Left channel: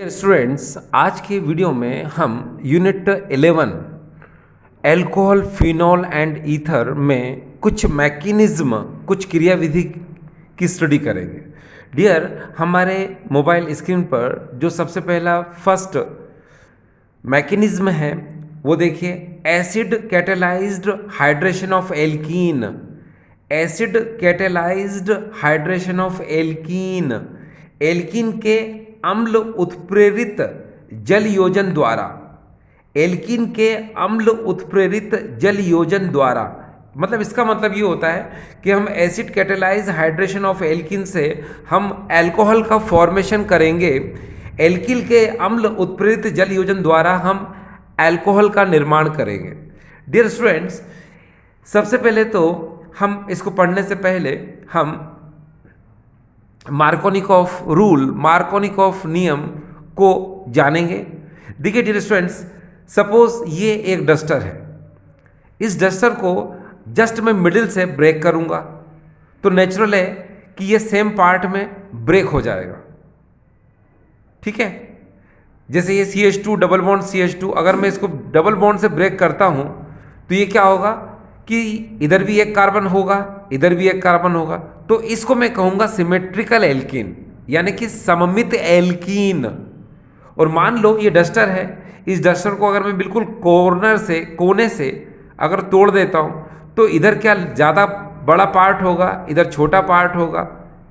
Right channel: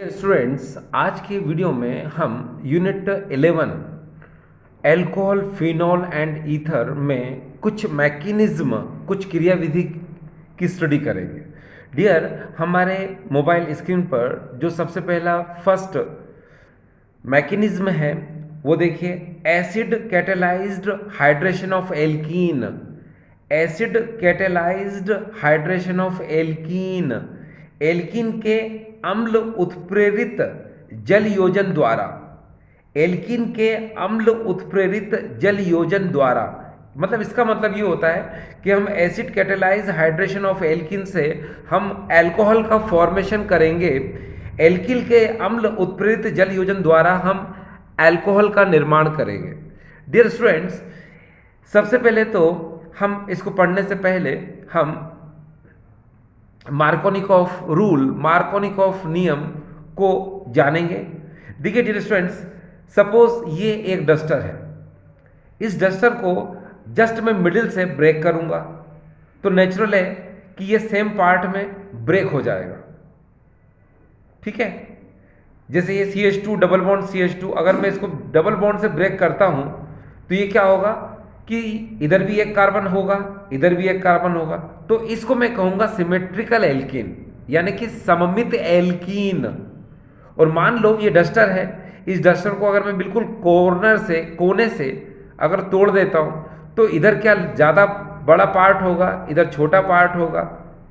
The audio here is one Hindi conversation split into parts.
स्टूडेंट्स, आज के वीडियो में हम unit 11 alcohol, phenol and ether में कुछ मैकेनिज्म, कुछ क्रियाविधि की स्टडी करेंगे। डियर, हमारे मोबाइल स्क्रीन पर जो सबसे पहला फर्स्ट मैकेनिज्म है वो देखिए, acid catalysed hydration of alkene. Acid catalysed hydration of alkene, alkene के अम्ल उत्प्रेरित जल योजन द्वारा, एल्कीन के अम्ल उत्प्रेरित जल योजन द्वारा, मतलब इसका मतलब ये होता है कि हम acid catalyse hydration of alkene से हम अल्कोहल का फॉर्मेशन करेंगे। एल्कीन के अम्ल उत्प्रेरित जल योजन द्वारा हम अल्कोहल का निर्माण करेंगे। डियर स्टूडेंट्स, सबसे पहले तो हम इसको पढ़ने से पहले हम मार्कोनिकॉफ रूल, मार्कोनिकॉफ नियम को जानेंगे। देखिए डियर स्टूडेंट्स, सपोज ये एक डस्टर है, इस डस्टर को जस्ट मैं मिडिल से ब्रेक करूंगा तो नेचुरल है कि ये सेम पार्ट में ब्रेक हो जाएगा। ठीक है, जैसे ये CH2 डबल बॉन्ड CH2, अगर मैं इसको डबल बॉन्ड से ब्रेक करता हूं तो ये क्या होगा कि इधर भी एक कार्बन होगा, इधर भी एक कार्बन होगा, तो इसको मैं कहूंगा सिमेट्रिकल एल्कीन, यानी कि सममित एल्कीन। और मान लो ये डस्टर है, इस डस्टर को अगर मैं बिल्कुल कोने से अगर तोड़ देता हूं तो इधर क्या ज़्यादा बड़ा पार्ट होगा, इधर छोटा पार्ट होगा।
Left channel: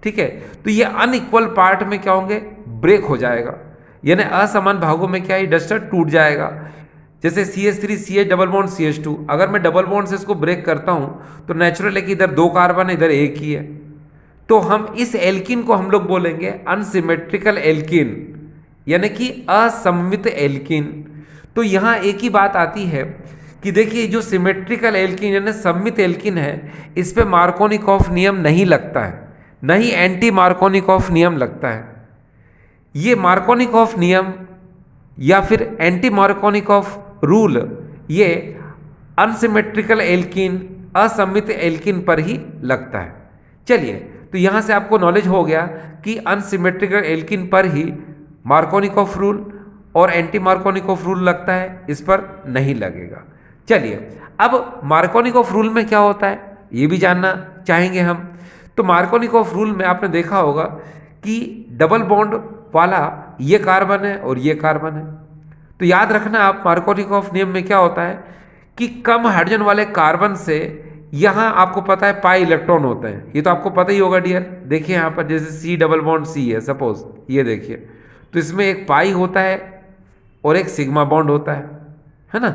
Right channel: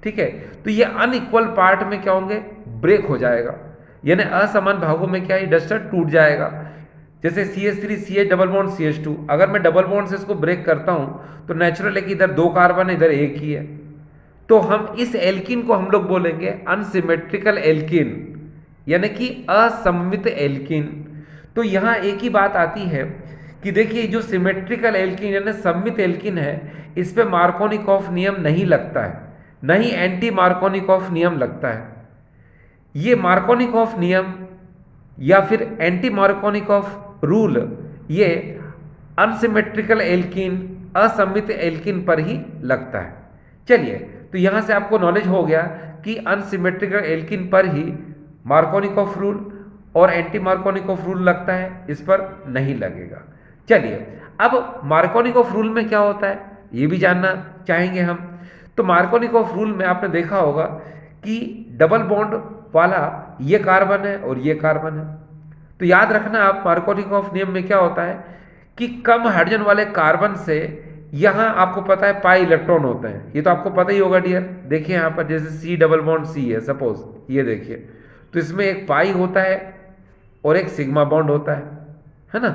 ठीक है, तो ये अनइक्वल पार्ट में क्या होंगे, ब्रेक हो जाएगा, यानी असमान भागों में क्या, ये डस्टर टूट जाएगा। जैसे CH3 CH double bond CH2, अगर मैं डबल बॉन्ड से इसको ब्रेक करता हूं तो नेचुरल है कि इधर दो कार्बन है, इधर एक ही है, तो हम इस एल्कीन को हम लोग बोलेंगे अनसिमेट्रिकल एल्कीन, यानी कि असममित एल्कीन। तो यहां एक ही बात आती है कि देखिए, जो सिमेट्रिकल एल्कीन यानी सममित एल्कीन है, इस पे मार्कोनिकॉफ नियम नहीं लगता है, नहीं एंटी मार्कोनिकॉफ नियम लगता है। ये मार्कोनिकॉफ नियम या फिर एंटी मार्कोनिकॉफ रूल ये अनसिमेट्रिकल एल्कीन, असममित एल्कीन पर ही लगता है। चलिए, तो यहां से आपको नॉलेज हो गया कि अनसिमेट्रिकल एल्कीन पर ही मार्कोनिकॉफ रूल और एंटी मार्कोनिकॉफ रूल लगता है, इस पर नहीं लगेगा। चलिए, अब मार्कोनिकॉफ रूल में क्या होता है ये भी जानना चाहेंगे हम। तो मार्कोनिकॉफ रूल में आपने देखा होगा कि डबल बॉन्ड वाला ये कार्बन है और ये कार्बन है, तो याद रखना आप, मार्कोनिकॉफ नियम में क्या होता है कि कम हाइड्रोजन वाले कार्बन से यहां आपको पता है पाई इलेक्ट्रॉन होते हैं, ये तो आपको पता ही होगा डियर। देखिए यहां पर जैसे C डबल बॉन्ड C है सपोज, ये देखिए, तो इसमें एक पाई होता है और एक सिग्मा बॉन्ड होता है ना।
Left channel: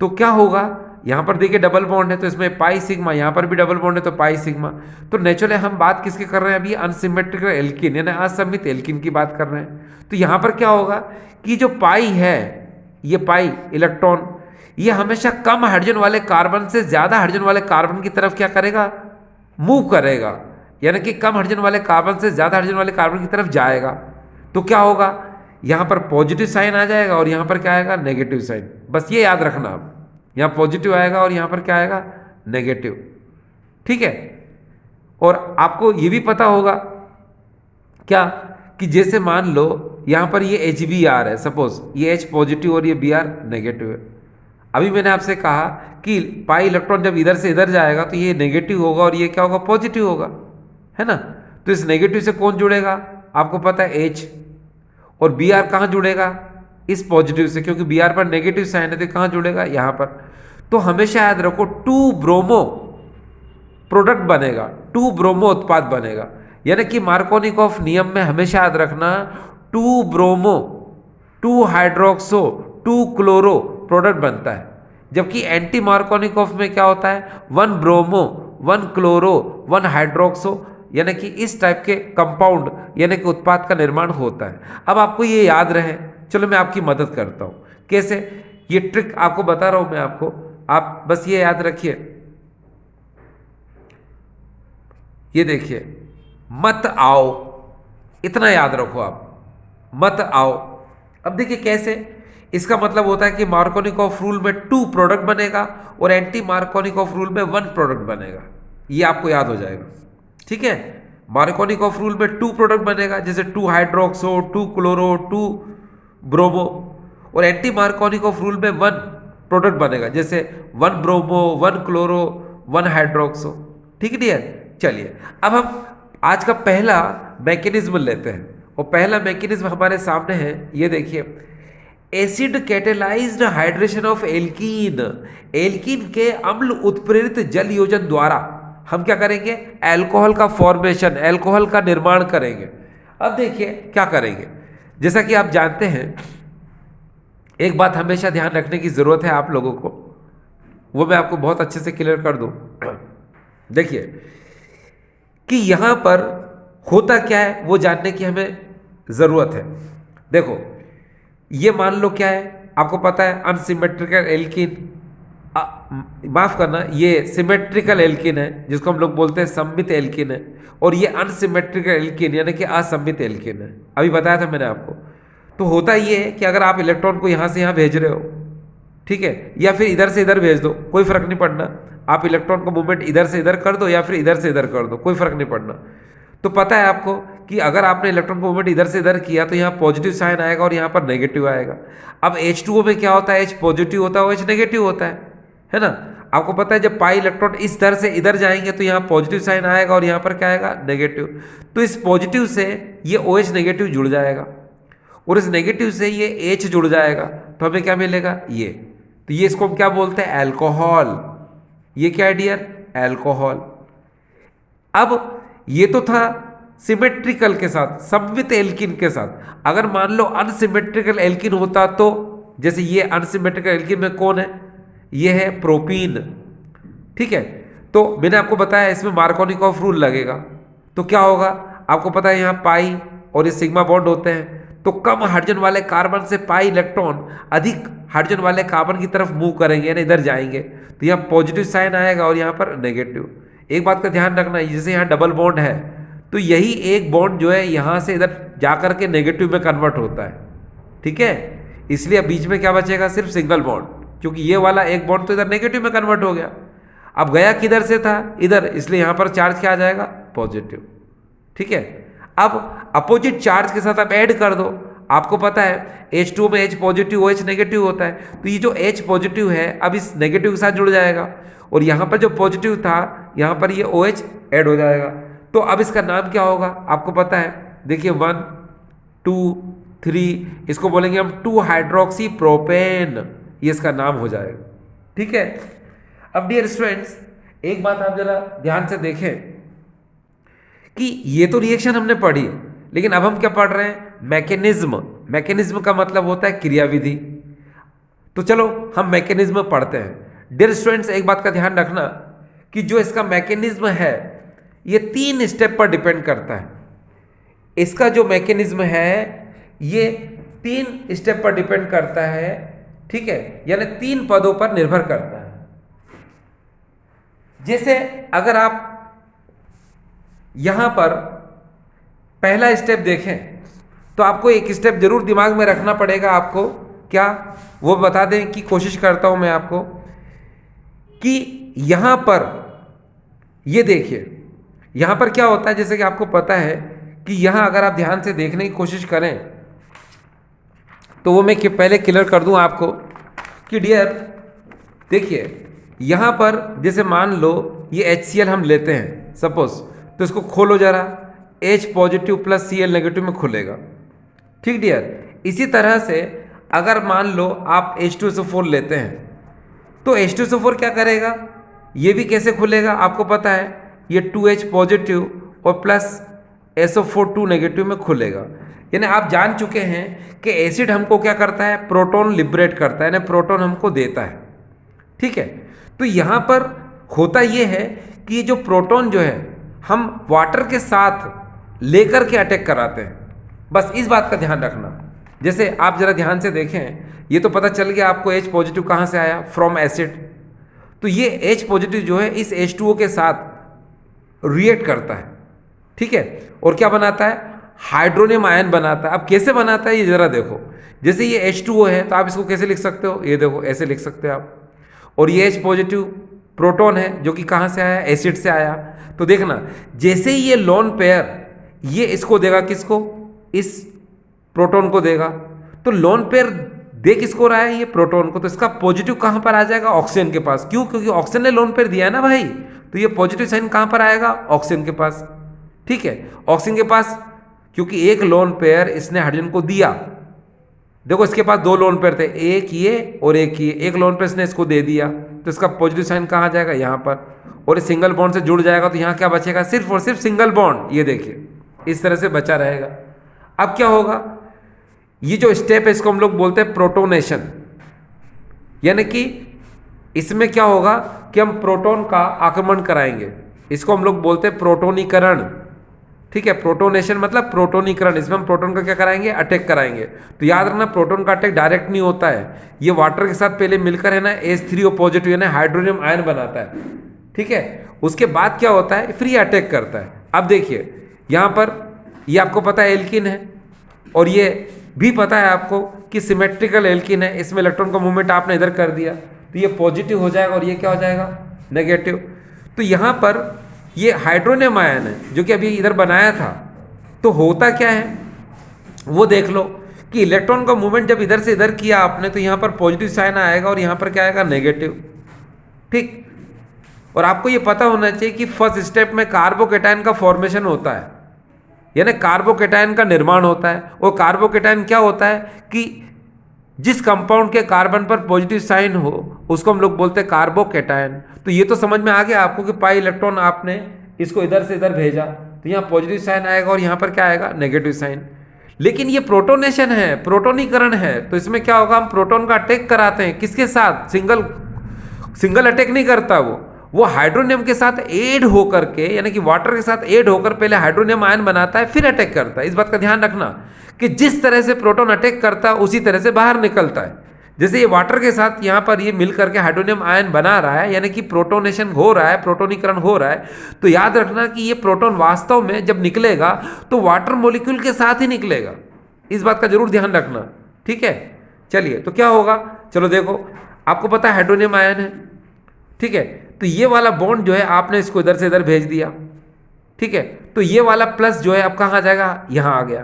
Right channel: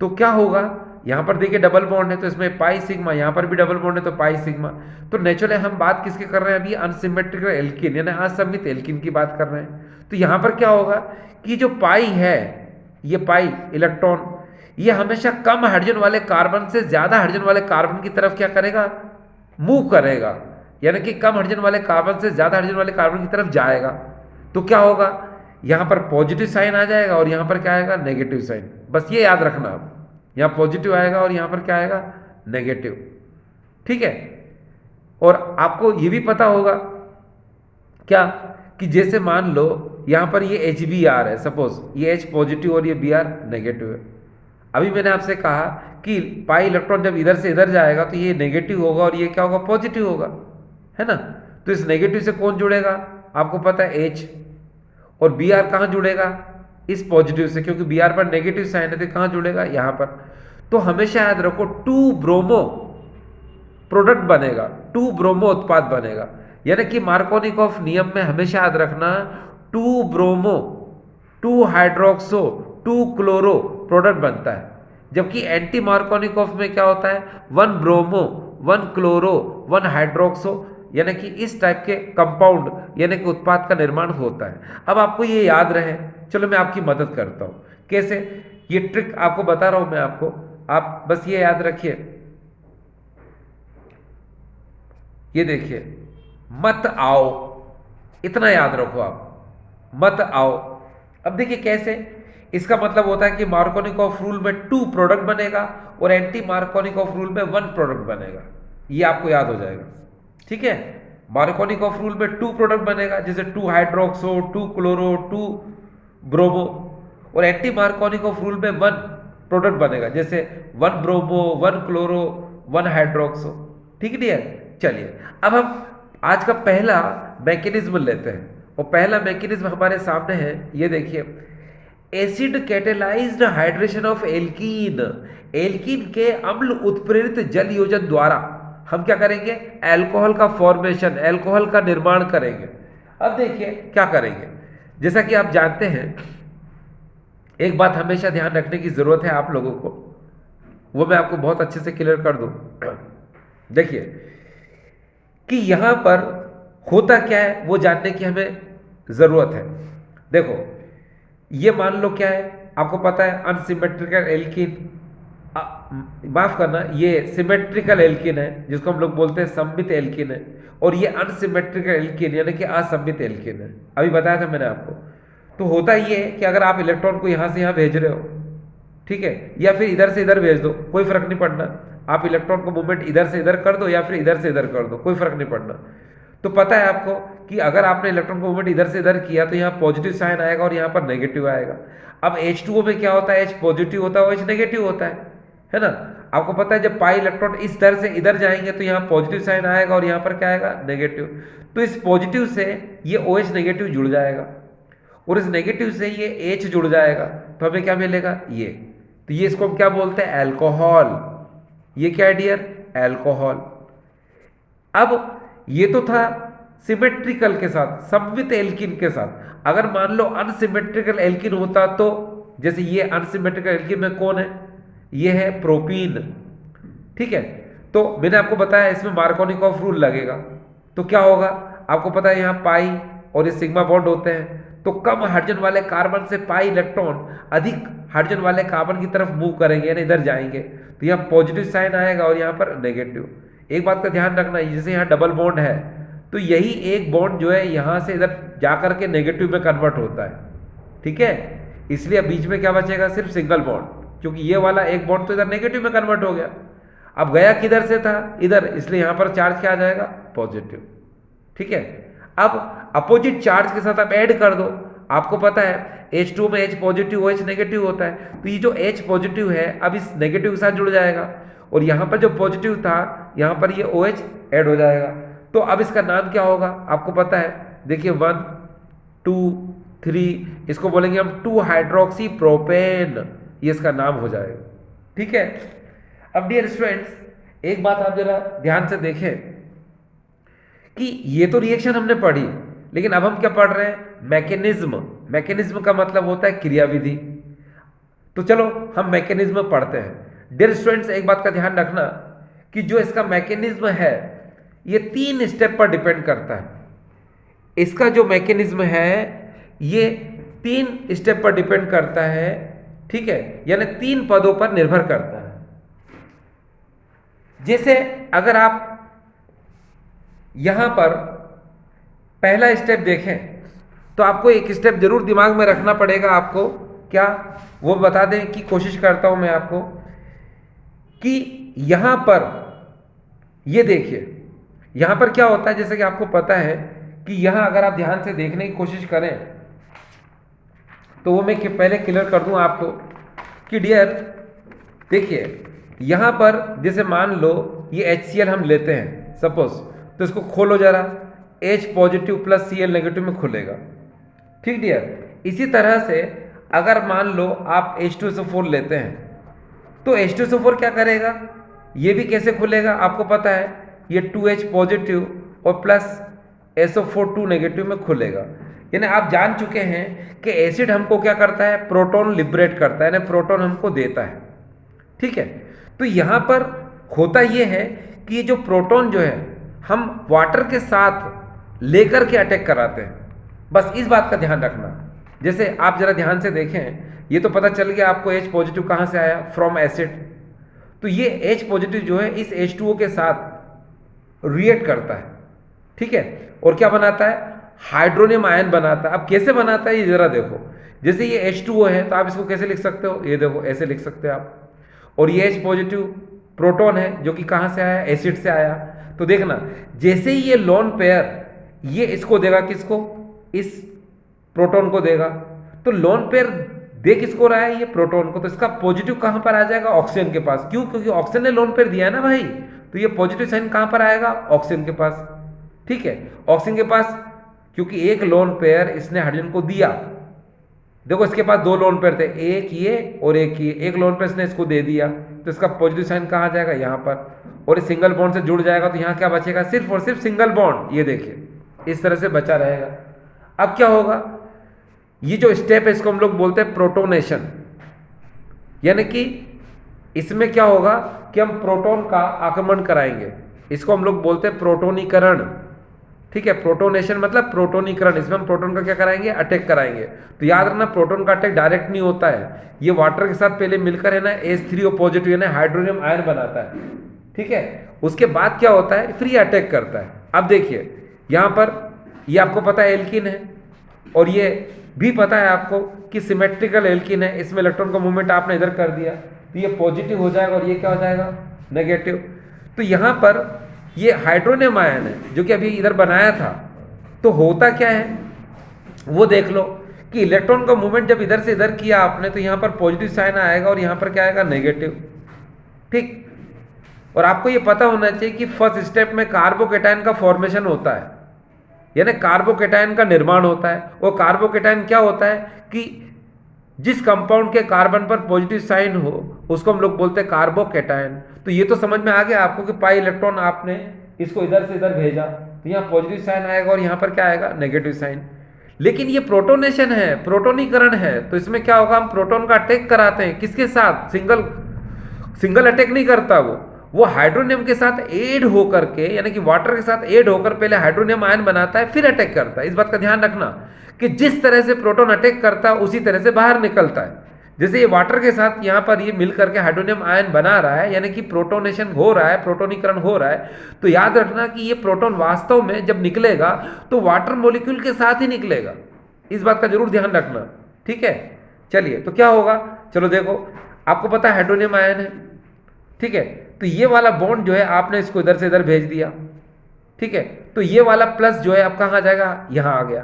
तो क्या होगा, यहां पर देखिए डबल बॉन्ड है तो इसमें पाई सिग्मा, यहां पर भी डबल बॉन्ड है तो पाई सिग्मा। तो नेचुरली हम बात किसकी कर रहे हैं अभी, अनसिमेट्रिकल एल्कीन यानी असममित एल्कीन की बात कर रहे हैं। तो यहां पर क्या होगा कि जो पाई है, ये पाई इलेक्ट्रॉन, ये हमेशा कम हाइड्रोजन वाले कार्बन से ज्यादा हाइड्रोजन वाले कार्बन की तरफ क्या करेगा, मूव करेगा, यानी कि कम हाइड्रोजन वाले कार्बन से ज्यादा हाइड्रोजन वाले कार्बन की तरफ जाएगा। तो क्या होगा, यहां पर पॉजिटिव साइन आ जाएगा और यहां पर क्या आएगा, नेगेटिव साइन। बस ये याद रखना आप, यहां पॉजिटिव आएगा और यहां पर क्या आएगा, नेगेटिव। ठीक है, और आपको ये भी पता होगा क्या कि जैसे मान लो यहां पर ये HBr है, सपोज ये H पॉजिटिव और ये Br नेगेटिव है। अभी मैंने आपसे कहा कि पाई इलेक्ट्रॉन जब इधर से इधर जाएगा तो ये नेगेटिव होगा और ये क्या होगा, पॉजिटिव होगा, है ना। तो इस नेगेटिव से कौन जुड़ेगा, आपको पता है H, और Br कहां जुड़ेगा, इस पॉजिटिव से, क्योंकि Br पर नेगेटिव साइन है तो कहां जुड़ेगा, यहां पर। तो हमेशा याद रखो 2 ब्रोमो प्रोडक्ट बनेगा, 2 ब्रोमो उत्पाद बनेगा, यानी कि मार्कोनिकॉफ नियम में हमेशा याद रखना 2 ब्रोमो 2 हाइड्रोक्सो 2 क्लोरो प्रोडक्ट बनता है। जबकि एंटी मार्कोनिकॉफ में क्या होता है, 1 ब्रोमो 1 क्लोरो 1 हाइड्रोक्सो, यानी कि इस टाइप के कंपाउंड यानी कि उत्पाद का निर्माण होता है। अब आपको ये याद रहे, चलो मैं आपकी मदद करता हूं, कैसे, ये ट्रिक आपको बता रहा हूं मैं आपको, आप बस ये याद रखिए। ये देखिए, मत आओ, इतना याद रखो आप, मत आओ। अब देखिए कैसे, इसका मतलब होता है कि मार्कोनिकॉफ रूल में 2 प्रोडक्ट बनेगा और एंटी मार्कोनिकॉफ रूल में 1 प्रोडक्ट बनेगा, ये आपको याद हो जाएगा। ठीक है, मार्कोनिकॉफ रूल में 2 प्रोडक्ट बनेगा, जैसे 2 हाइड्रोक्सो 2 क्लोरो 2 ब्रोमो, और एंटी मार्कोनिकॉफ रूल में वन प्रोडक्ट बनेगा, जैसे one bromo, one chloro, one hydroxo. ठीक है डियर, चलिए अब हम आज का पहला मैकेनिज्म लेते हैं, और पहला मैकेनिज्म हमारे सामने है, ये देखिए, acid catalysed hydration of alkene. Alkene के अम्ल उत्प्रेरित जल योजन द्वारा हम क्या करेंगे, अल्कोहल का फॉर्मेशन, अल्कोहल का निर्माण करेंगे। अब देखिए क्या करेंगे, जैसा कि आप जानते हैं, एक बात हमेशा ध्यान रखने की जरूरत है आप लोगों को, वो मैं आपको बहुत अच्छे से क्लियर कर दूं। देखिए कि यहां पर होता क्या है वो जानने की हमें जरूरत है। देखो ये मान लो क्या है, आपको पता है अनसिमेट्रिकल एल्कीन, माफ करना, ये सिमेट्रिकल एल्कीन है जिसको हम लोग बोलते हैं सममित एल्कीन है, और ये अनसिमेट्रिकल एल्कीन यानी कि असममित एल्कीन है। अभी बताया था मैंने आपको। तो होता ये है कि अगर आप इलेक्ट्रॉन को यहाँ से यहाँ भेज रहे हो, ठीक है, या फिर इधर से इधर भेज दो, कोई फर्क नहीं पड़ना, आप इलेक्ट्रॉन को मूवमेंट इधर से इधर कर दो या फिर इधर से इधर कर दो, कोई फर्क नहीं पड़ना। तो पता है आपको कि अगर आपने इलेक्ट्रॉन को मूवमेंट इधर से इधर किया तो यहाँ पॉजिटिव साइन आएगा और यहाँ पर नेगेटिव आएगा। अब H2O में क्या होता है, H पॉजिटिव होता है और H नेगेटिव होता है ना। आपको पता है जब पाई इलेक्ट्रॉन इस तरह से इधर जाएंगे तो यहाँ पॉजिटिव साइन आएगा और यहाँ पर क्या आएगा, नेगेटिव। तो इस पॉजिटिव से ये OH नेगेटिव जुड़ जाएगा और इस नेगेटिव से ये H जुड़ जाएगा, तो हमें क्या मिलेगा, ये। तो ये इसको हम क्या बोलते हैं, अल्कोहल। ये क्या है डियर, अल्कोहल। अब ये तो था सिमेट्रिकल के साथ, सममित एल्कीन के साथ। अगर मान लो अनसिमेट्रिकल एल्कीन होता, तो जैसे ये अनसिमेट्रिकल एल्कीन में कौन है, ये है प्रोपीन। ठीक है, तो मैंने आपको बताया इसमें मार्कोनिकॉफ रूल लगेगा, तो क्या होगा, आपको पता है यहाँ पाई और ये सिग्मा बॉन्ड होते हैं, तो कम हाइड्रोजन वाले कार्बन से पाई इलेक्ट्रॉन अधिक हाइड्रोजन वाले कार्बन की तरफ मूव करेंगे, यानी इधर जाएंगे, तो यहाँ पॉजिटिव साइन आएगा और यहाँ पर नेगेटिव। एक बात का ध्यान रखना, जैसे यहाँ डबल बॉन्ड है तो यही एक बॉन्ड जो है यहाँ से इधर जाकर के नेगेटिव में कन्वर्ट होता है। ठीक है, इसलिए बीच में क्या बचेगा, सिर्फ सिंगल बॉन्ड, क्योंकि ये वाला एक बॉन्ड तो इधर नेगेटिव में कन्वर्ट हो गया। अब गया किधर से था, इधर, इसलिए यहाँ पर चार्ज क्या आ जाएगा, पॉजिटिव। ठीक है, अब अपोजिट चार्ज के साथ आप ऐड कर दो। आपको पता है H2 में H पॉजिटिव OH नेगेटिव होता है, तो ये जो H पॉजिटिव है अब इस नेगेटिव के साथ जुड़ जाएगा, और यहाँ पर जो पॉजिटिव था यहाँ पर ये OH ऐड हो जाएगा। तो अब इसका नाम क्या होगा, आपको पता है, देखिए 1 2 3, इसको बोलेंगे हम 2 हाइड्रोक्सी प्रोपेन, ये इसका नाम हो जाएगा। ठीक है, अब डियर स्टूडेंट्स एक बात आप जरा ध्यान से देखें कि ये तो रिएक्शन हमने पढ़ी, लेकिन अब हम क्या पढ़ रहे हैं, मैकेनिज्म। मैकेनिज्म का मतलब होता है क्रियाविधि। तो चलो हम मैकेनिज्म पढ़ते हैं। डियर स्टूडेंट्स एक बात का ध्यान रखना कि जो इसका मैकेनिज्म है ये 3 स्टेप पर डिपेंड करता है। इसका जो मैकेनिज्म है ये 3 स्टेप पर डिपेंड करता है। ठीक है, यानी 3 पदों पर निर्भर करता है। जैसे अगर आप यहां पर पहला स्टेप देखें तो आपको एक स्टेप जरूर दिमाग में रखना पड़ेगा। आपको क्या वो बता दें कि कोशिश करता हूं मैं आपको कि यहां पर ये देखिए, यहां पर क्या होता है, जैसे कि आपको पता है कि यहां अगर आप ध्यान से देखने की कोशिश करें तो वो मैं पहले क्लियर कर दूं आपको कि डियर देखिए, यहां पर जैसे मान लो ये HCl हम लेते हैं सपोज, तो इसको खोलो जरा, H positive plus Cl negative में खुलेगा। ठीक डियर, इसी तरह से अगर मान लो आप H2SO4 लेते हैं तो H2SO4 क्या करेगा, ये भी कैसे खुलेगा, आपको पता है ये 2H पॉजिटिव और प्लस SO4 2 नेगेटिव में खुलेगा। यानी आप जान चुके हैं कि एसिड हमको क्या करता है, प्रोटॉन लिबरेट करता है, यानी प्रोटॉन हमको देता है। ठीक है, तो यहाँ पर होता ये है कि ये जो प्रोटॉन जो है हम वाटर के साथ लेकर के अटैक कराते हैं। बस इस बात का ध्यान रखना। जैसे आप जरा ध्यान से देखें, ये तो पता चल गया आपको H पॉजिटिव कहाँ से आया, फ्रॉम एसिड। तो ये H पॉजिटिव जो है इस H2O के साथ रिएक्ट करता है। ठीक है, और क्या बनाता है, हाइड्रोनियम आयन बनाता है। अब कैसे बनाता है ये जरा देखो, जैसे ये H2O है तो आप इसको कैसे लिख सकते हो, ये देखो ऐसे लिख सकते हो आप, और ये H पॉजिटिव प्रोटॉन है जो कि कहाँ से आया, एसिड से आया। तो देखना जैसे ही ये लोन पेयर ये इसको देगा, किसको, इस प्रोटॉन को देगा, तो लोन पेयर दे किसको रहा है, ये प्रोटॉन को, तो इसका पॉजिटिव कहां पर आ जाएगा, ऑक्सीजन के पास। क्यों, क्योंकि ऑक्सीजन ने लोन पेयर दिया है ना भाई, तो ये पॉजिटिव साइन कहां पर आएगा, ऑक्सीजन के पास। ठीक है, ऑक्सीजन के पास, क्योंकि एक लोन पेयर इसने हाइड्रोजन को दिया। देखो इसके पास दो लोन पेयर थे, एक ये और एक ये, एक लोन पेयर इसने इसको दे दिया, तो इसका पॉजिटिव साइन कहाँ जाएगा, यहाँ पर, और इस सिंगल बॉन्ड से जुड़ जाएगा, तो यहाँ क्या बचेगा, सिर्फ और सिर्फ सिंगल बॉन्ड। ये देखिए इस तरह से बचा रहेगा। अब क्या होगा, ये जो स्टेप है इसको हम लोग बोलते हैं प्रोटोनेशन, यानी कि इसमें क्या होगा कि हम प्रोटॉन का आक्रमण कराएंगे, इसको हम लोग बोलते हैं प्रोटोनीकरण। ठीक है, प्रोटोनेशन मतलब प्रोटोनीकरण, इसमें हम प्रोटॉन का क्या कराएंगे, अटैक कराएंगे। तो याद रखना प्रोटॉन का अटैक डायरेक्ट नहीं होता है, ये वाटर के साथ पहले मिलकर है ना H3O पॉजिटिव यानी हाइड्रोनियम आयन बनाता है। ठीक है, उसके बाद क्या होता है, फिर ये अटैक करता है। अब देखिए यहाँ पर ये आपको पता है एल्किन है, और ये भी पता है आपको कि सिमेट्रिकल एल्किन है, इसमें इलेक्ट्रॉन का मूवमेंट आपने इधर कर दिया तो ये पॉजिटिव हो जाएगा और ये क्या हो जाएगा, नेगेटिव। तो यहाँ पर ये हाइड्रोनियम आयन है जो कि अभी इधर बनाया था, तो होता क्या है वो देख लो कि इलेक्ट्रॉन का मूवमेंट जब इधर से इधर किया आपने, तो यहाँ पर पॉजिटिव साइन आएगा और यहाँ पर क्या आएगा, नेगेटिव। ठीक, और आपको ये पता होना चाहिए कि फर्स्ट स्टेप में कार्बोकेटायन का फॉर्मेशन होता है, यानी कार्बोकेटायन का निर्माण होता है। और कार्बोकेटायन क्या होता है कि जिस कंपाउंड के कार्बन पर पॉजिटिव साइन हो उसको हम लोग बोलते हैं कार्बोकेटायन। तो ये तो समझ में आ गया आपको कि पाई इलेक्ट्रॉन आपने इसको इधर से इधर भेजा तो यहाँ पॉजिटिव साइन आएगा और यहाँ पर क्या आएगा, नेगेटिव साइन। लेकिन ये प्रोटोनेशन है, प्रोटोनीकरण है, तो इसमें क्या होगा, हम प्रोटॉन का अटैक कराते हैं, किसके साथ, सिंगल अटैक नहीं करता वो हाइड्रोनियम के साथ ऐड होकर के, यानी कि वाटर के साथ ऐड होकर पहले हाइड्रोनियम आयन बनाता है फिर अटैक करता है। इस बात का ध्यान रखना कि जिस तरह से प्रोटॉन अटैक करता है उसी तरह से बाहर निकलता है। जैसे ये वाटर के साथ यहाँ पर ये मिल करके हाइड्रोनियम आयन बना रहा है, यानी कि प्रोटोनेशन हो रहा है, प्रोटोनीकरण हो रहा है, तो याद रखना कि ये प्रोटॉन वास्तव में जब निकलेगा तो वाटर मॉलिक्यूल के साथ ही निकलेगा। इस बात का जरूर ध्यान रखना। ठीक है, चलिए तो क्या होगा, चलो देखो आपको पता है हाइड्रोनियम आयन है। ठीक है, तो ये वाला बॉन्ड जो है आपने इसको इधर से इधर भेज दिया। ठीक है, तो ये वाला प्लस जो है अब कहाँ आ जाएगा, यहाँ आ गया,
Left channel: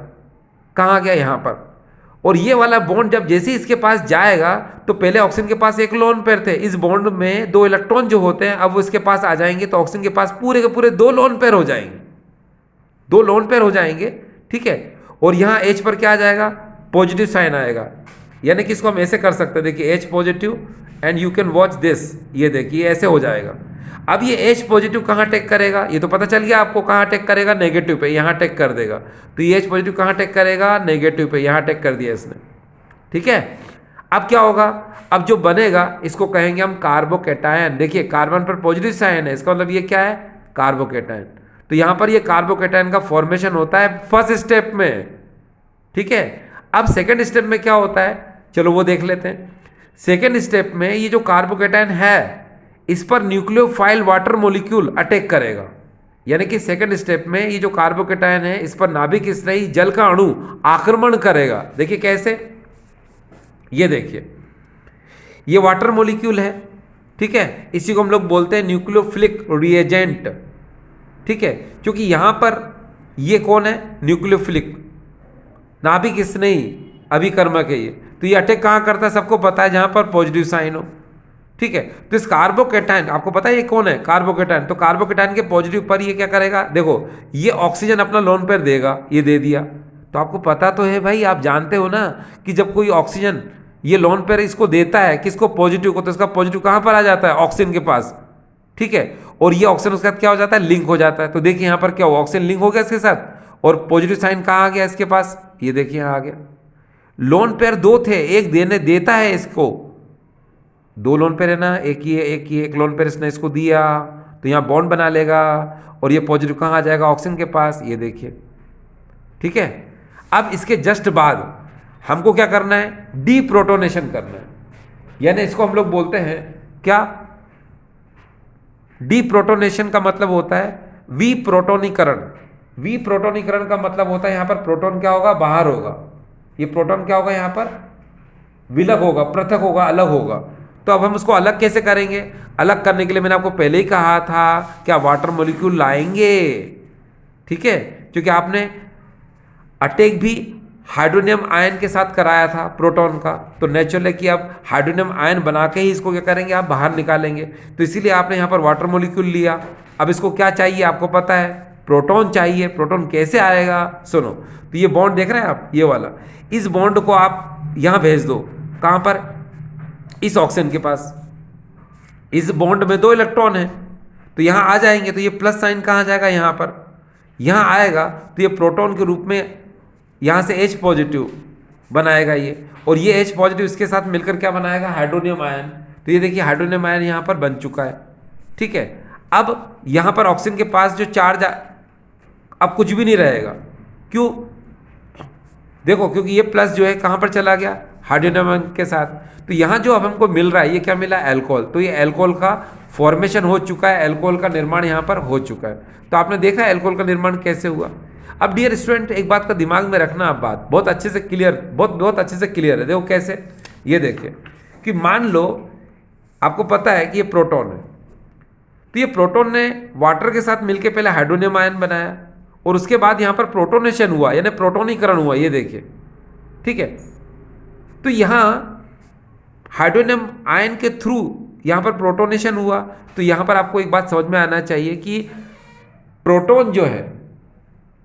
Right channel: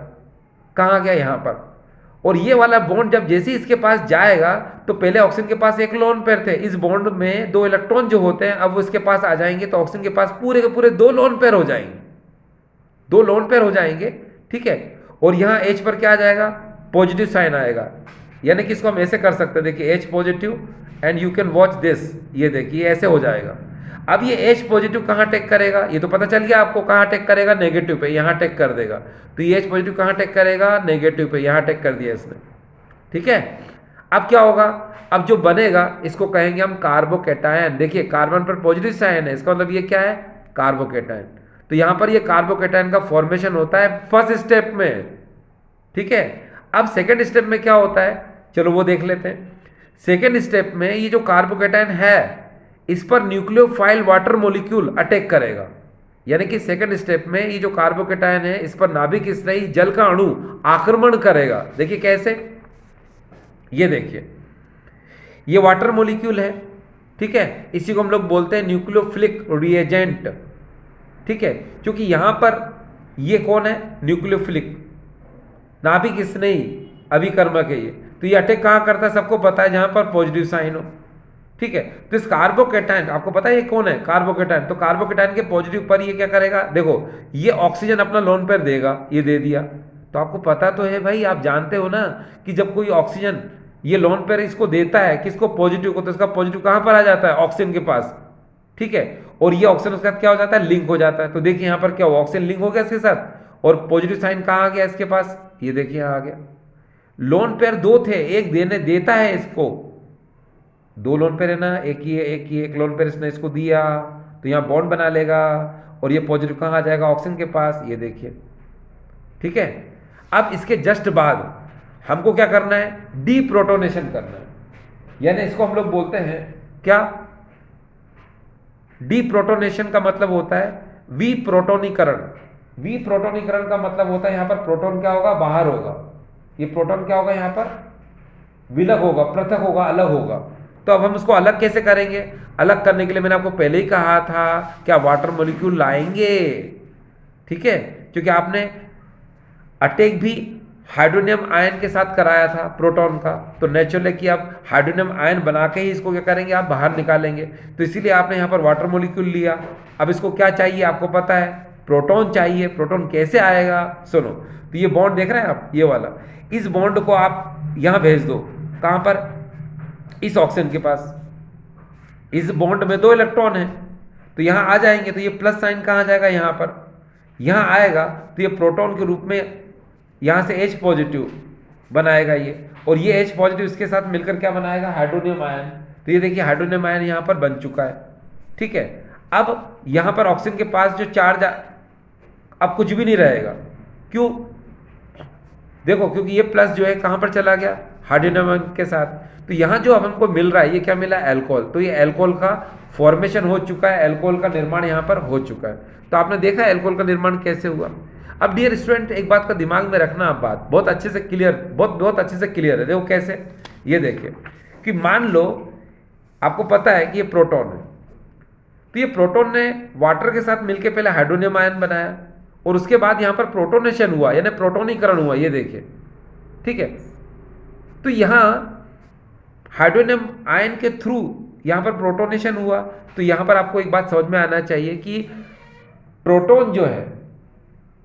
कहाँ आ गया, यहाँ पर। और ये वाला बॉन्ड जब जैसे इसके पास जाएगा तो पहले ऑक्सीजन के पास एक लोन पेयर थे, इस बॉन्ड में दो इलेक्ट्रॉन जो होते हैं अब वो इसके पास आ जाएंगे, तो ऑक्सीजन के पास पूरे के पूरे दो लोन पेयर हो जाएंगे, दो लोन पेयर हो जाएंगे। ठीक है, और यहाँ H पर क्या आ जाएगा, पॉजिटिव साइन आएगा, यानी कि इसको हम ऐसे कर सकते हैं, देखिए H positive and you can watch this, ये देखिए ऐसे हो जाएगा। अब ये H पॉजिटिव कहाँ अटैक करेगा, ये तो पता चल गया आपको, कहाँ अटैक करेगा, नेगेटिव पे, यहाँ अटैक कर देगा। तो ये H पॉजिटिव कहाँ अटैक करेगा, नेगेटिव पे, यहाँ अटैक कर दिया इसने। ठीक है, अब क्या होगा, अब जो बनेगा इसको कहेंगे हम कार्बोकेटायन। देखिए कार्बन पर पॉजिटिव साइन है, इसका मतलब ये क्या है, कार्बोकेटायन। तो यहाँ पर ये कार्बोकेटायन का फॉर्मेशन होता है फर्स्ट स्टेप में। ठीक है, अब सेकेंड स्टेप में क्या होता है, चलो वो देख लेते हैं। सेकेंड स्टेप में ये जो कार्बोकेटायन है इस पर न्यूक्लियोफाइल वाटर मॉलिक्यूल अटैक करेगा, यानी कि सेकेंड स्टेप में ये जो कार्बोकेटायन है इस पर नाभिक स्नेही जल का अणु आक्रमण करेगा। देखिए कैसे, ये देखिए ये वाटर मॉलिक्यूल है। ठीक है, इसी को हम लोग बोलते हैं न्यूक्लियोफिलिक रिएजेंट। ठीक है, क्योंकि यहां पर ये कौन है, न्यूक्लियोफिलिक, नाभिक स्नेही अभिकर्मक है ये, तो ये अटैक कहाँ करता है, सबको पता है, जहां पर पॉजिटिव साइन हो। ठीक है, तो इस कार्बोकेटायन आपको पता है ये कौन है, कार्बोकेटायन, तो कार्बोकेटायन के पॉजिटिव पर ये क्या करेगा, देखो ये ऑक्सीजन अपना लोन पेयर देगा, ये दे दिया, तो आपको पता तो है भाई, आप जानते हो ना कि जब कोई ऑक्सीजन ये लोन पेयर इसको देता है किसको, पॉजिटिव को, तो इसका पॉजिटिव कहाँ पर आ जाता है, ऑक्सीजन के पास। ठीक है, और ये ऑक्सीजन उसके साथ क्या हो जाता है, लिंक हो जाता है। तो देखिए यहाँ पर क्या हुआ, ऑक्सीजन लिंक हो गया इसके साथ और पॉजिटिव साइन कहाँ आ गया इसके पास, ये देखिए यहाँ आ गया। लोन पेयर दो थे, एक देता है इसको, दो लोन पेयर है ना, एक लोन पेयर इसने इसको दिया तो यहाँ बॉन्ड बना लेगा और ये पॉजिटिव कहाँ आ जाएगा, ऑक्सीजन के पास, ये देखिए। ठीक है, अब इसके जस्ट बाद हमको क्या करना है, डीप्रोटोनेशन करना है, यानी इसको हम लोग बोलते हैं क्या, डीप्रोटोनेशन का मतलब होता है विप्रोटोनीकरण। विप्रोटोनीकरण का मतलब होता है यहाँ पर प्रोटॉन क्या होगा, बाहर होगा, ये प्रोटॉन क्या होगा, यहाँ पर विलग होगा, पृथक होगा, अलग होगा। तो अब हम उसको अलग कैसे करेंगे, अलग करने के लिए मैंने आपको पहले ही कहा था क्या वाटर मॉलिक्यूल लाएंगे। ठीक है, क्योंकि आपने अटैक भी हाइड्रोनियम आयन के साथ कराया था प्रोटॉन का, तो नेचुरल है कि आप हाइड्रोनियम आयन बना के ही इसको क्या करेंगे, आप बाहर निकालेंगे। तो इसीलिए आपने यहाँ पर वाटर मॉलिक्यूल लिया। अब इसको क्या चाहिए आपको पता है, प्रोटॉन चाहिए। प्रोटॉन कैसे आएगा, सुनो। तो ये बॉन्ड देख रहे हैं आप, ये वाला, इस बॉन्ड को आप यहाँ भेज दो, कहाँ पर, इस ऑक्सीजन के पास। इस बॉन्ड में 2 इलेक्ट्रॉन है, तो यहाँ आ जाएंगे, तो ये प्लस साइन कहाँ जाएगा, यहाँ पर, यहाँ आएगा, तो ये प्रोटॉन के रूप में यहाँ से H पॉजिटिव बनाएगा ये, और ये H पॉजिटिव इसके साथ मिलकर क्या बनाएगा, हाइड्रोनियम आयन। तो ये देखिए हाइड्रोनियम आयन यहाँ पर बन चुका है, ठीक है। अब यहाँ पर ऑक्सीजन के पास जो चार्ज, अब कुछ भी नहीं रहेगा, क्यों, देखो, क्योंकि ये प्लस जो है कहाँ पर चला गया, हाइड्रोनियम आयन के साथ। तो यहाँ जो अब हमको मिल रहा है, ये क्या मिला, अल्कोहल। तो ये अल्कोहल का फॉर्मेशन हो चुका है, अल्कोहल का निर्माण यहाँ पर हो चुका है। तो आपने देखा है अल्कोहल का निर्माण कैसे हुआ। अब डियर स्टूडेंट, एक बात का दिमाग में रखना, आप बात बहुत अच्छे से क्लियर, बहुत अच्छे से क्लियर है। देखो कैसे, ये देखिए कि मान लो आपको पता है कि ये प्रोटॉन है, तो ये प्रोटॉन ने वाटर के साथ मिलकर पहले हाइड्रोनियम आयन बनाया, और उसके बाद यहाँ पर प्रोटोनेशन हुआ, यानी प्रोटोनीकरण हुआ, ये देखिए, ठीक है। तो यहाँ हाइड्रोनियम आयन के थ्रू यहाँ पर प्रोटोनेशन हुआ। तो यहाँ पर आपको एक बात समझ में आना चाहिए कि प्रोटॉन जो है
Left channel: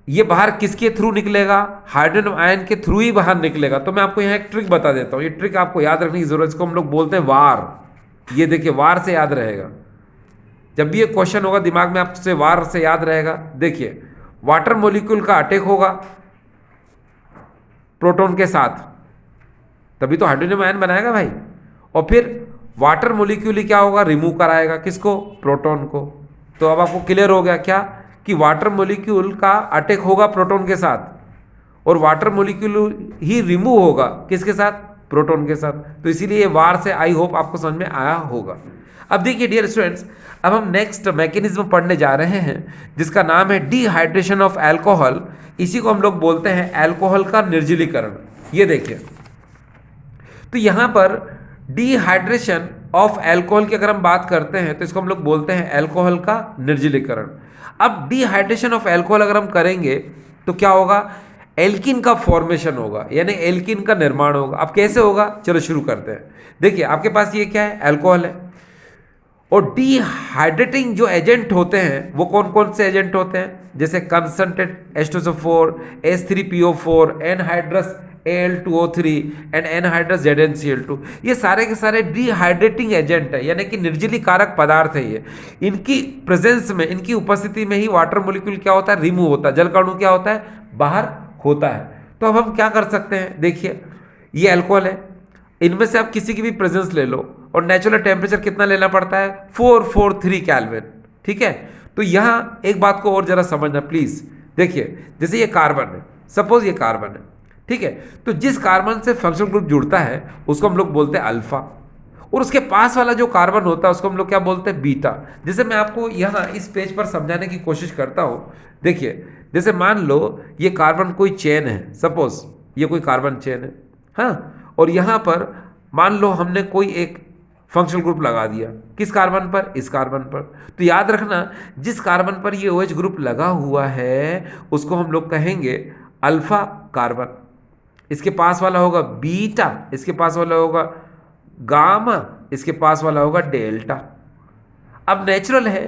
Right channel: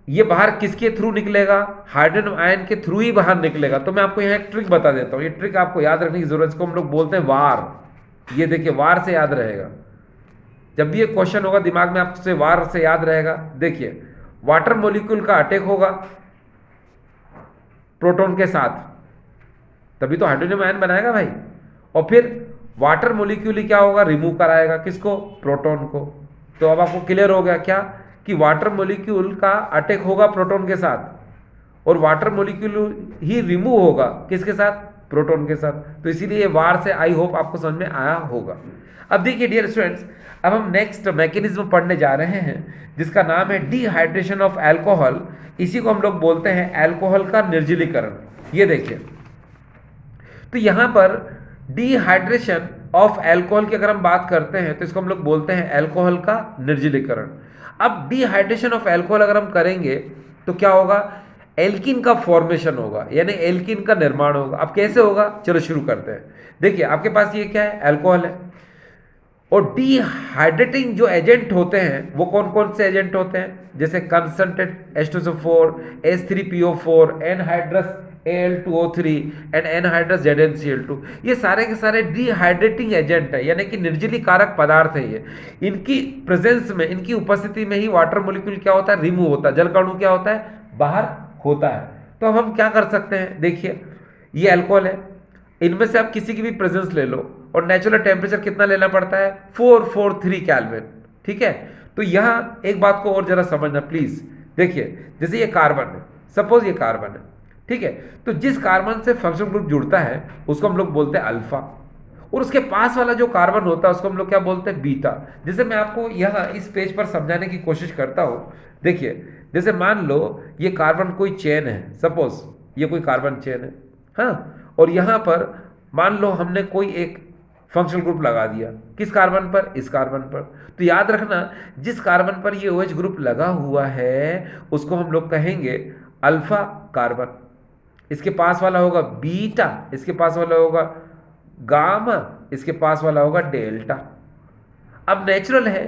ये बाहर किसके थ्रू निकलेगा, हाइड्रोनियम आयन के थ्रू ही बाहर निकलेगा। तो मैं आपको यहाँ एक ट्रिक बता देता हूँ, ये ट्रिक आपको याद रखने की जरूरत है, इसको हम लोग बोलते हैं वार। ये देखिए, वार से याद रहेगा, जब भी ये क्वेश्चन होगा दिमाग में आपसे वार से याद रहेगा। देखिए, वाटर मॉलिक्यूल का अटैक होगा प्रोटॉन के साथ, तभी तो हाइड्रोनियम आयन बनाएगा भाई, और फिर वाटर मॉलिक्यूल ही क्या होगा, रिमूव कराएगा, किसको, प्रोटॉन को। तो अब आपको क्लियर हो गया क्या, कि वाटर मॉलिक्यूल का अटैक होगा प्रोटॉन के साथ, और वाटर मॉलिक्यूल ही रिमूव होगा किसके साथ, प्रोटॉन के साथ। तो इसीलिए ये वार से आई होप आपको समझ में आया होगा। अब देखिए डियर स्टूडेंट्स, अब हम नेक्स्ट मैकेनिज्म पढ़ने जा रहे हैं, जिसका नाम है डिहाइड्रेशन ऑफ अल्कोहल। इसी को हम लोग बोलते हैं अल्कोहल का निर्जलीकरण। ये देखिए, तो यहाँ पर डिहाइड्रेशन ऑफ अल्कोहल की अगर हम बात करते हैं, तो इसको हम लोग बोलते हैं अल्कोहल का निर्जलीकरण। अब डिहाइड्रेशन ऑफ अल्कोहल अगर हम करेंगे तो क्या होगा, एल्किन का फॉर्मेशन होगा, यानी एल्किन का निर्माण होगा। अब कैसे होगा, चलो शुरू करते हैं। देखिए, आपके पास ये क्या है, अल्कोहल है, और डिहाइड्रेटिंग जो एजेंट होते हैं वो कौन कौन से एजेंट होते हैं, जैसे concentrate H2SO4, H3PO4, anhydrous Al2O3 and anhydrous ZnCl2। ये सारे के सारे डिहाइड्रेटिंग एजेंट है, यानी कि निर्जली कारक पदार्थ है ये। इनकी प्रेजेंस में, इनकी उपस्थिति में ही वाटर मॉलिक्यूल क्या होता है, रिमूव होता है, जल का अणु क्या होता है, बाहर होता है। तो अब हम क्या कर सकते हैं, देखिए ये अल्कोहल है, इनमें से आप किसी की भी प्रेजेंस ले लो, और नेचुरल टेम्परेचर कितना लेना पड़ता है, 443 केल्विन, ठीक है। तो यहाँ एक बात को और जरा समझना प्लीज। देखिए, जैसे ये कार्बन है, सपोज ये कार्बन है, ठीक है, तो जिस कार्बन से फंक्शनल ग्रुप जुड़ता है उसको हम लोग बोलते हैं अल्फा, और उसके पास वाला जो कार्बन होता है उसको हम लोग क्या बोलते हैं, बीटा। जैसे मैं आपको यहाँ इस पेज पर समझाने की कोशिश करता हूँ। देखिए, जैसे मान लो ये कार्बन कोई चेन है, सपोज ये कोई कार्बन चेन है, हाँ, और यहाँ पर मान लो हमने कोई एक फंक्शनल ग्रुप लगा दिया, किस कार्बन पर, इस कार्बन पर। तो याद रखना, जिस कार्बन पर ये OH ग्रुप लगा हुआ है उसको हम लोग कहेंगे अल्फा कार्बन, इसके पास वाला होगा बीटा, इसके पास वाला होगा गामा, इसके पास वाला होगा डेल्टा। अब नेचुरल है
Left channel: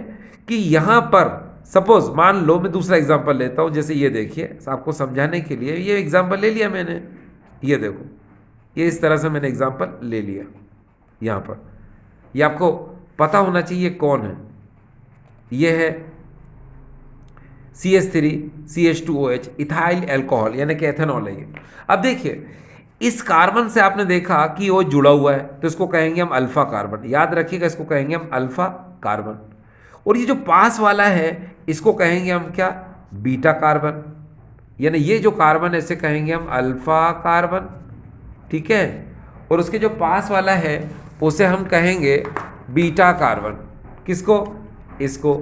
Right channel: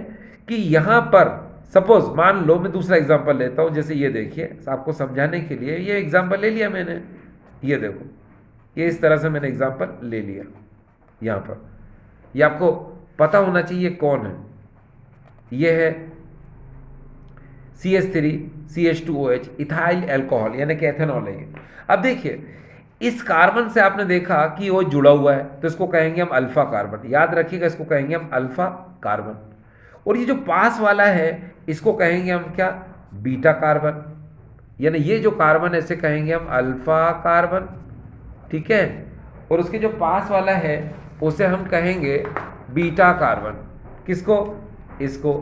कि यहाँ पर सपोज मान लो, मैं दूसरा एग्जांपल लेता हूँ, जैसे ये देखिए, आपको समझाने के लिए ये एग्जांपल ले लिया मैंने, ये देखो, ये इस तरह से मैंने एग्जांपल ले लिया यहाँ पर। ये आपको पता होना चाहिए कौन है, ये है CH3CH2OH, इथाइल अल्कोहल, यानी कि एथेनॉल है ये। अब देखिए, इस कार्बन से आपने देखा कि वो जुड़ा हुआ है, तो इसको कहेंगे हम अल्फा कार्बन, याद रखिएगा, इसको कहेंगे हम अल्फा कार्बन। और ये जो पास वाला है इसको कहेंगे हम क्या, बीटा कार्बन, यानी ये जो कार्बन है इसे कहेंगे हम अल्फा कार्बन, ठीक है। और उसके जो पास वाला है उसे हम कहेंगे बीटा कार्बन, किसको, इसको।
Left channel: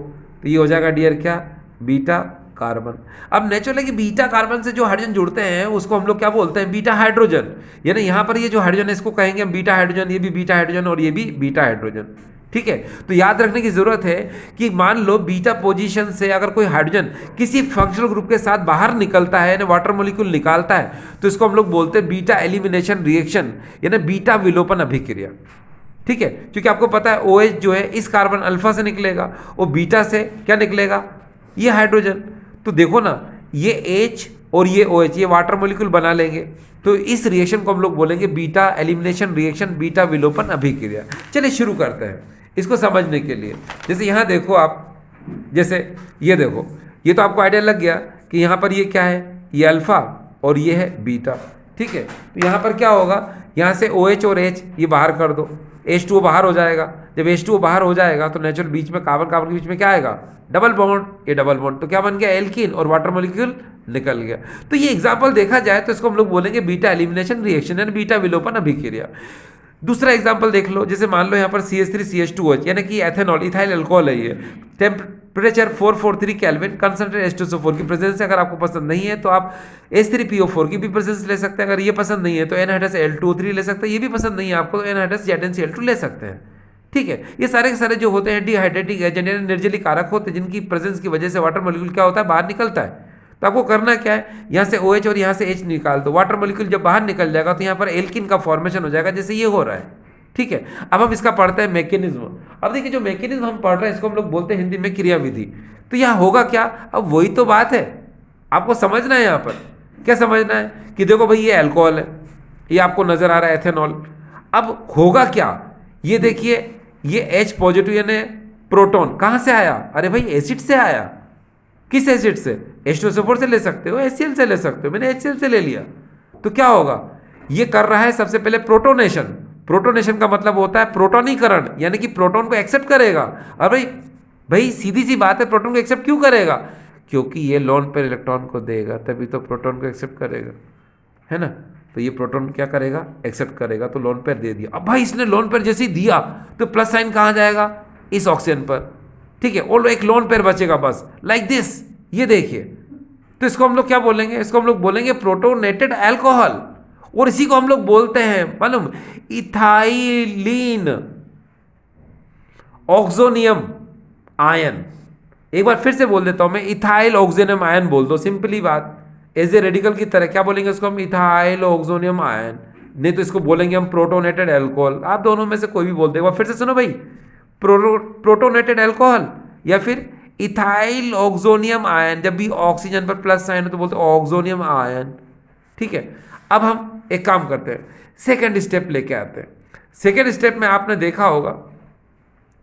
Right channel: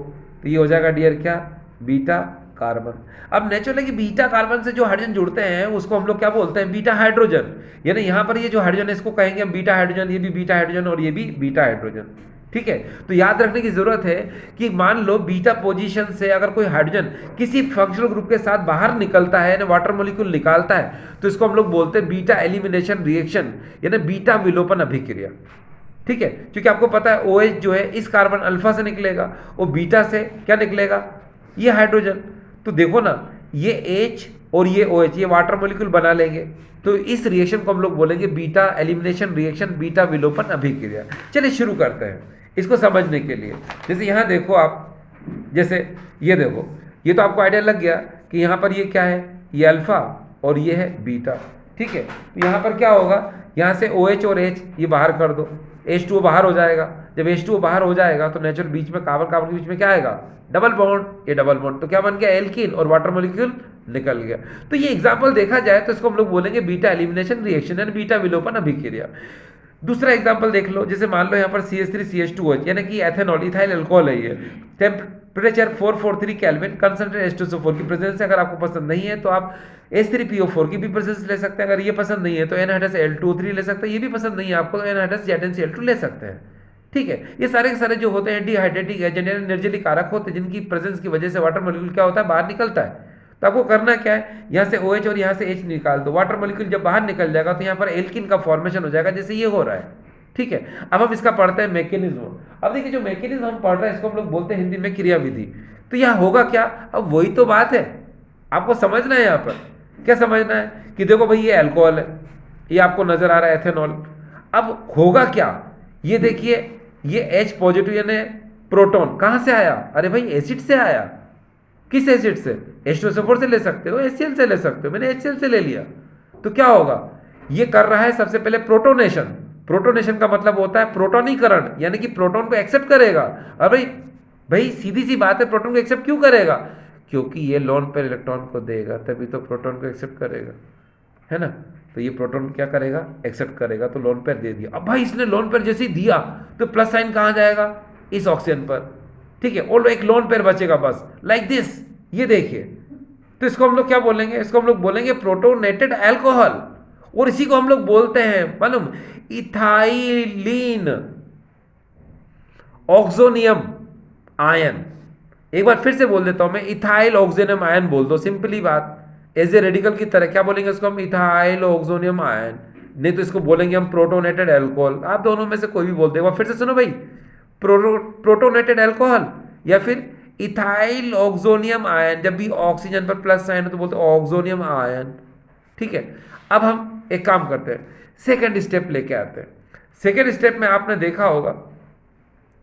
तो ये हो जाएगा डियर क्या, बीटा कार्बन। अब नेचुरल है कि बीटा कार्बन से जो हाइड्रोजन जुड़ते हैं उसको हम लोग क्या बोलते हैं, बीटा हाइड्रोजन। यानी यहाँ पर ये जो हाइड्रोजन है इसको कहेंगे हम बीटा हाइड्रोजन, ये भी बीटा हाइड्रोजन और ये भी बीटा हाइड्रोजन, ठीक है। तो याद रखने की जरूरत है कि मान लो बीटा पोजीशन से अगर कोई हाइड्रोजन किसी फंक्शनल ग्रुप के साथ बाहर निकलता है यानी वाटर मॉलिक्यूल निकालता है, तो इसको हम लोग बोलते हैं बीटा एलिमिनेशन रिएक्शन यानी बीटा विलोपन अभिक्रिया। ठीक है, क्योंकि आपको पता है OH जो है इस कार्बन अल्फा से निकलेगा और बीटा से क्या निकलेगा, ये हाइड्रोजन। तो देखो ना, ये H और ये OH ये वाटर मॉलिक्यूल बना लेंगे, तो इस रिएक्शन को हम लोग बोलेंगे बीटा एलिमिनेशन रिएक्शन, बीटा विलोपन अभिक्रिया। चलिए शुरू करते हैं इसको समझने के लिए। जैसे यहाँ देखो आप, जैसे ये देखो, ये तो आपको आइडिया लग गया कि यहाँ पर ये क्या है, ये अल्फा और ये है बीटा। ठीक है, तो यहाँ पर क्या होगा, यहाँ से OH और H ये बाहर कर दो, H2O बाहर हो जाएगा। जब H2O बाहर हो जाएगा तो नेचुरल बीच में कार्बन कार्बन के बीच में क्या आएगा, डबल बॉन्ड, ये डबल बॉन्ड तो क्या बन गया, एल्कीन, और वाटर मॉलिक्यूल निकल गया। तो ये एग्जाम्पल देखा जाए तो इसको हम लोग बोलेंगे बीटा एलिमिनेशन रिएक्शन यानी बीटा विलोपन अभिक्रिया। दूसरा एग्जाम्पल देख लो, जैसे मान लो यहाँ पर CH3CH2OH यानी कि एथेनॉल, इथाइल अल्कोहल है ये, टेम्परेचर 443 केल्विन, कंसंट्रेट H2SO4 की प्रेजेंस है। अगर आपको पसंद नहीं है तो आप H3PO4 की भी प्रेजेंस ले सकते हैं। अगर ये पसंद नहीं है तो N-L2O3 ले सकते हैं। ये भी पसंद नहीं है आपको तो N-ZnCl2 ले सकते हैं। ठीक है, ये सारे के सारे जो होते हैं डिहाइड्रेटिक एजेंट यानी निर्जलीय कारक होते हैं, जिनकी प्रेजेंस की वजह से वाटर मॉलिक्यूल क्या होता है, बाहर निकलता है। तो आपको करना क्या है, यहाँ से OH और यहाँ से H निकाल दो, वाटर मॉलिक्यूल जब बाहर निकल जाएगा तो यहाँ पर एल्किन का फॉर्मेशन हो जाएगा, जैसे ये हो रहा है। ठीक है, अब हम इसका पढ़ते हैं मैकेनिज्म। अब देखिए जो मैकेनिज्म हम पढ़ रहे हैं इसको हम लोग बोलते हैं हिंदी में क्रियाविधि। तो यहाँ होगा क्या, अब वही तो बात है, आपको समझना है। यहाँ पर क्या समझना है कि देखो भाई ये अल्कोहल है, ये आपको नजर आ रहा है एथेनॉल। अब होगा क्या, ये देखिए ये H पॉजिटिव यानी प्रोटॉन कहाँ से आया, अरे भाई एसिड से आया। किस एसिड से, H2SO4 से ले सकते हो, HCl से ले सकते हो, मैंने HCl से ले लिया। तो क्या होगा, ये कर रहा है सबसे पहले प्रोटोनेशन। प्रोटोनेशन का मतलब होता है प्रोटोनीकरण, यानी कि प्रोटॉन को एक्सेप्ट करेगा। अरे भाई सीधी सी बात है, प्रोटॉन को एक्सेप्ट क्यों करेगा, क्योंकि ये लोन पेयर इलेक्ट्रॉन को देगा तभी तो प्रोटॉन को एक्सेप्ट करेगा, है ना। तो ये प्रोटॉन क्या करेगा, एक्सेप्ट करेगा, तो लोन पेयर दे दिया। अब भाई इसने लोन पेयर जैसे ही दिया तो प्लस साइन कहाँ जाएगा, इस ऑक्सीजन पर। ठीक है, और एक लोन पेयर बचेगा बस, लाइक दिस, ये देखिए। तो इसको हम लोग क्या बोलेंगे, इसको हम लोग बोलेंगे प्रोटोनेटेड अल्कोहल, और इसी को हम लोग बोलते हैं मालूम, इथाइलिन ऑक्सोनियम आयन। एक बार फिर से बोल देता हूं मैं, इथाइल ऑक्सोनियम आयन बोल दो, सिंपली बात, एज ए रेडिकल की तरह। क्या बोलेंगे उसको हम, इथाइल ऑक्सोनियम आयन, नहीं तो इसको बोलेंगे हम प्रोटोनेटेड अल्कोहल। आप दोनों में से कोई भी बोल दे। फिर से सुनो भाई, प्रोटोनेटेड अल्कोहल या फिर इथाइल ऑक्सोनियम आयन। जब भी ऑक्सीजन पर प्लस साइन हो तो बोलते ऑक्सोनियम आयन। ठीक है, अब हम एक काम करते हैं, सेकेंड स्टेप लेके आते हैं। सेकेंड स्टेप में आपने देखा होगा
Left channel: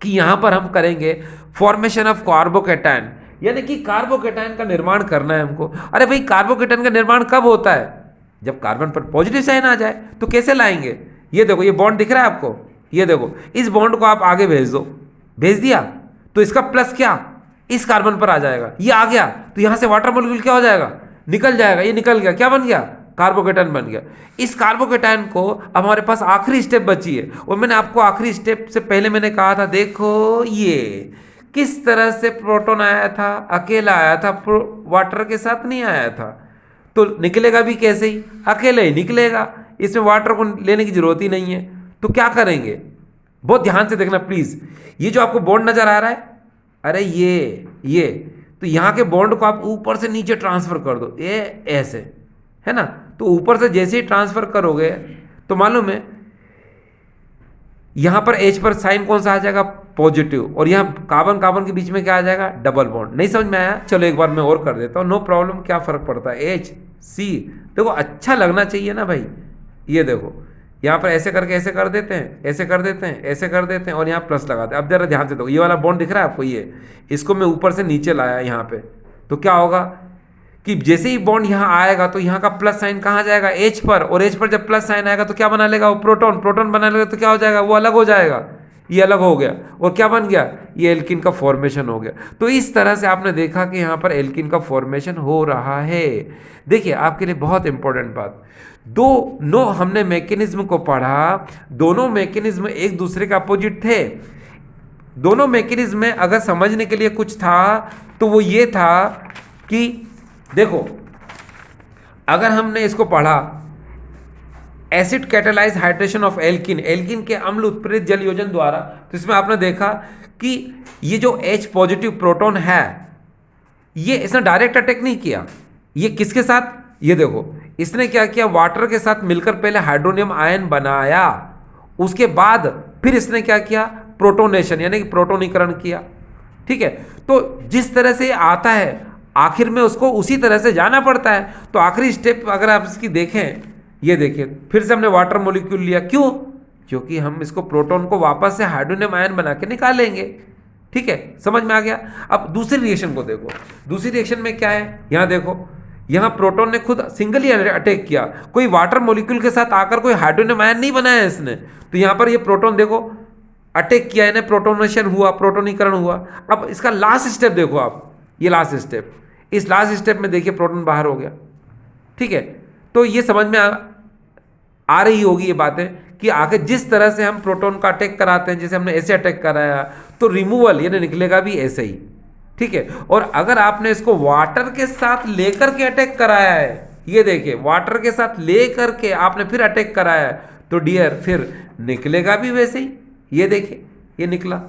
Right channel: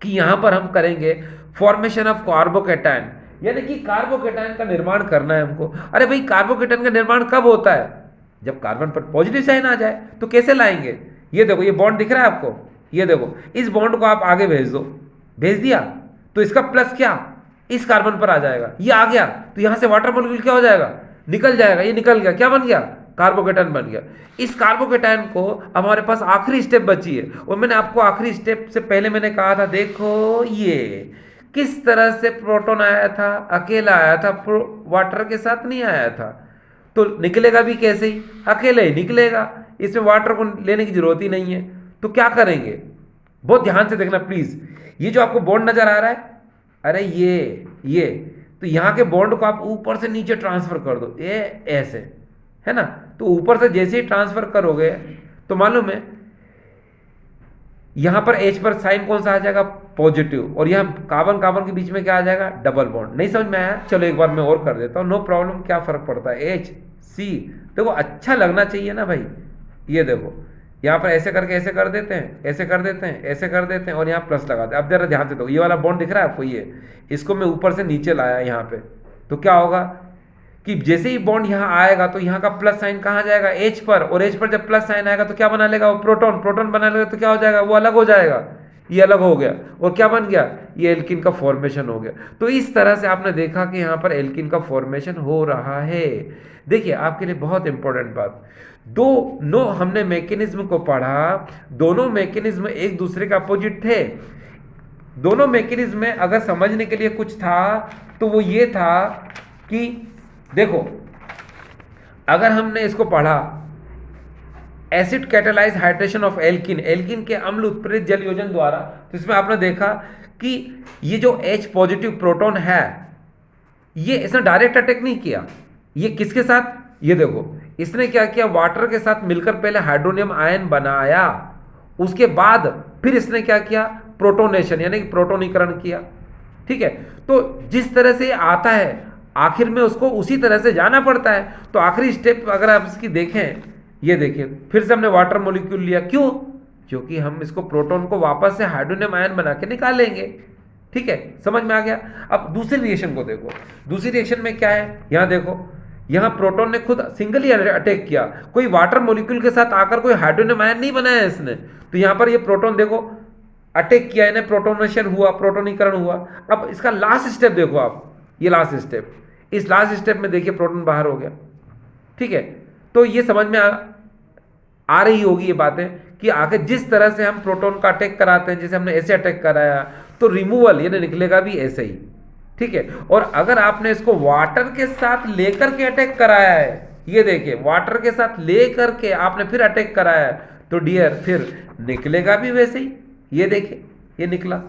कि यहां पर हम करेंगे फॉर्मेशन ऑफ कार्बोकेटायन, यानी कि कार्बोकेटायन का निर्माण करना है हमको। अरे भाई कार्बोकेटायन का निर्माण कब होता है, जब कार्बन पर पॉजिटिव साइन आ जाए। तो कैसे लाएंगे, ये देखो, ये बॉन्ड दिख रहा है आपको, ये देखो, इस बॉन्ड को आप आगे भेज दो, भेज दिया तो इसका प्लस क्या इस कार्बन पर आ जाएगा, ये आ गया तो यहां से वाटर मॉलिक्यूल क्या हो जाएगा, निकल जाएगा। ये निकल गया, क्या बन गया, कार्बोकेटायन बन गया। इस कार्बोकेटायन को अब हमारे पास आखिरी स्टेप बची है, और मैंने आपको आखिरी स्टेप से पहले मैंने कहा था, देखो ये किस तरह से प्रोटॉन आया था, अकेला आया था, वाटर के साथ नहीं आया था। तो निकलेगा भी कैसे ही, अकेले ही निकलेगा, इसमें वाटर को लेने की जरूरत ही नहीं है। तो क्या करेंगे, बहुत ध्यान से देखना प्लीज। ये जो आपको बॉन्ड नजर आ रहा है, अरे ये तो यहाँ के बॉन्ड को आप ऊपर से नीचे ट्रांसफर कर दो, ये ऐसे, है ना। तो ऊपर से जैसे ही ट्रांसफर करोगे तो मालूम है यहां पर H पर साइन कौन सा आ जाएगा, पॉजिटिव, और यहाँ कार्बन कार्बन के बीच में क्या आ जाएगा, डबल बॉन्ड। नहीं समझ में आया, चलो एक बार मैं और कर देता हूँ, नो प्रॉब्लम, क्या फर्क पड़ता है, HC। देखो अच्छा लगना चाहिए ना भाई, ये देखो यहाँ पर ऐसे करके ऐसे कर देते हैं, ऐसे कर देते हैं, ऐसे कर देते हैं, और यहाँ प्लस लगाते हैं। अब जरा ध्यान से देखो, ये वाला बॉन्ड दिख रहा है आपको, ये इसको मैं ऊपर से नीचे लाया यहाँ पे, तो क्या होगा कि जैसे ही बॉन्ड यहाँ आएगा तो यहाँ का प्लस साइन कहाँ जाएगा, H पर, और H पर जब प्लस साइन आएगा तो क्या बना लेगा, वो प्रोटॉन, प्रोटॉन बना लेगा तो क्या हो जाएगा, वो अलग हो जाएगा, ये अलग हो गया, और क्या बन गया, ये एल्किन का फॉर्मेशन हो गया। तो इस तरह से आपने देखा कि यहाँ पर एल्किन का फॉर्मेशन हो रहा है। देखिए आपके लिए बहुत इंपॉर्टेंट बात, दोनों हमने मैकेनिज्म को पढ़ा, दोनों मैकेनिज्म एक दूसरे के अपोजिट थे। दोनों मैकेनिज्म में अगर समझने के लिए कुछ था तो वो ये था कि देखो, अगर हमने इसको पढ़ा acid catalyse hydration of alkene, alkene के अम्ल उत्प्रेरित जल योजन द्वारा। तो इसमें आपने देखा कि ये जो H पॉजिटिव प्रोटॉन है, ये इसने डायरेक्ट अटैक नहीं किया। ये किसके साथ, ये देखो इसने क्या किया, वाटर के साथ मिलकर पहले हाइड्रोनियम आयन बनाया, उसके बाद फिर इसने क्या किया, प्रोटोनेशन यानी कि प्रोटोनीकरण किया। ठीक है, तो जिस तरह से आता है आखिर में उसको उसी तरह से जाना पड़ता है। तो आखिरी स्टेप अगर आप इसकी देखें, ये देखिए फिर से हमने वाटर मॉलिक्यूल लिया, क्यों, क्योंकि हम इसको प्रोटॉन को वापस से हाइड्रोनियम आयन बना के निकालेंगे। ठीक है, समझ में आ गया। अब दूसरी रिएक्शन को देखो, दूसरी रिएक्शन में क्या है, यहां देखो, यहां प्रोटोन ने खुद सिंगली अटैक किया, कोई वाटर मॉलिक्यूल के साथ आकर कोई हाइड्रोनियम आयन नहीं बनाया इसने। तो यहां पर ये प्रोटोन देखो अटैक किया, इन्हें प्रोटोनेशन हुआ, प्रोटोनीकरण हुआ। अब इसका लास्ट स्टेप देखो आप, ये लास्ट स्टेप, इस लास्ट स्टेप में देखिए प्रोटॉन बाहर हो गया। ठीक है, तो ये समझ में आ रही होगी ये बातें कि आखिर जिस तरह से हम प्रोटॉन का अटैक कराते हैं, जैसे हमने ऐसे अटैक कराया, तो रिमूवल यानी निकलेगा भी ऐसे ही। ठीक है, और अगर आपने इसको वाटर के साथ लेकर के अटैक कराया है, ये देखिए वाटर के साथ लेकर के आपने फिर अटैक कराया है, तो डियर फिर निकलेगा भी वैसे ही। ये देखिए ये निकला।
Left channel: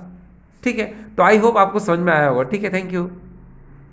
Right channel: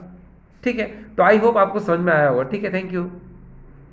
ठीक है, तो आई होप आपको समझ में आया होगा। ठीक है, थैंक यू।